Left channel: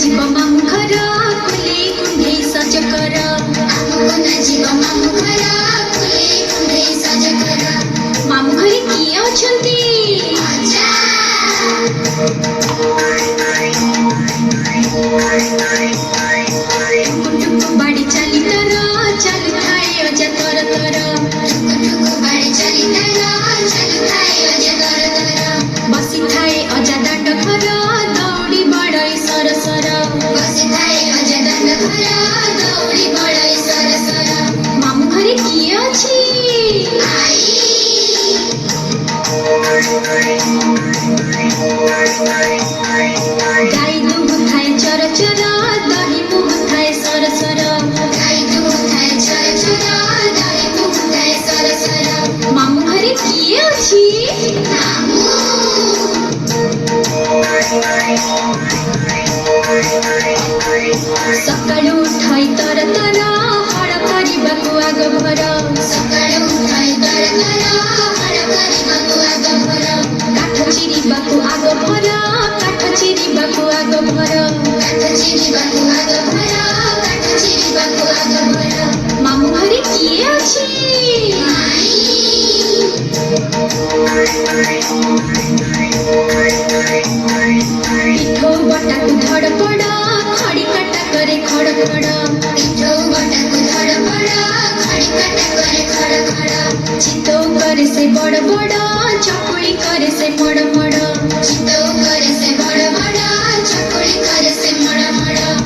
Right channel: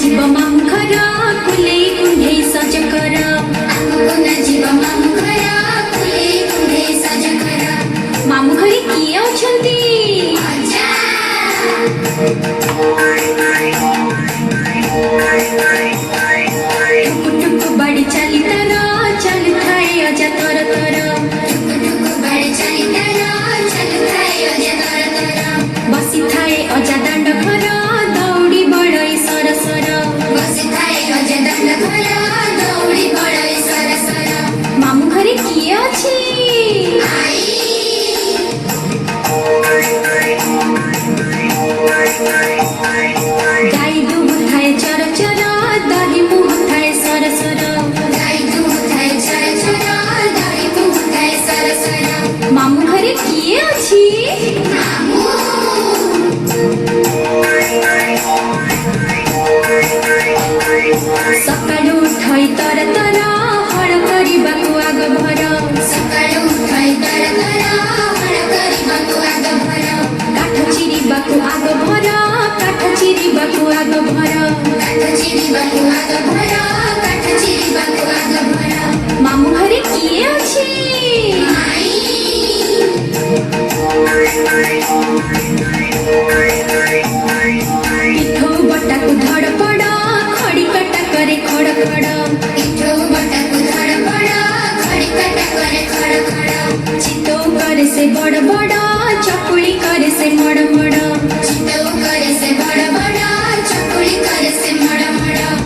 जीव मामू घर कुले कुंडे सज कर जीव मामू घर कुले कुंडे सज कर मामू घरे किए अछंती बाड़ी चली तर चलु थाए अजा तर तर बाड़ी चली तर चलु थाए अजा तर तर बसी थाए अजा दांड घर दौड़ी बड़ई सर सर बसी थाए अजा दांड घर दौड़ी बड़ई सर सर मामू घरे किए अछि गाई दूध थाए चर चर दही मुह थाए सर सर गाई दूध थाए चर चर दही मुह थाए सर सर मामू घरे किए अछि सकाळू उठाई तर तर हळ करिबाकु आग भर सकाळू उठाई तर तर हळ करिबाकु आग भर काठ चिरिबाकु आग भर काठ चिरिबाकु आग भर काठ चिरिबाकु आग भर काठ चिरिबाकु आग भर मामू घरे किए अछि पिठो बटाकु धड़पड़ खड़ी काटा करे खड़ खड़ पिठो बटाकु धड़पड़ खड़ी काटा करे खड़ खड़ चितौ करे से बड़ बड़ चकुली करे से मड़ मड़ चितौ करे से बड़ बड़ चकुली करे से मड़ मड़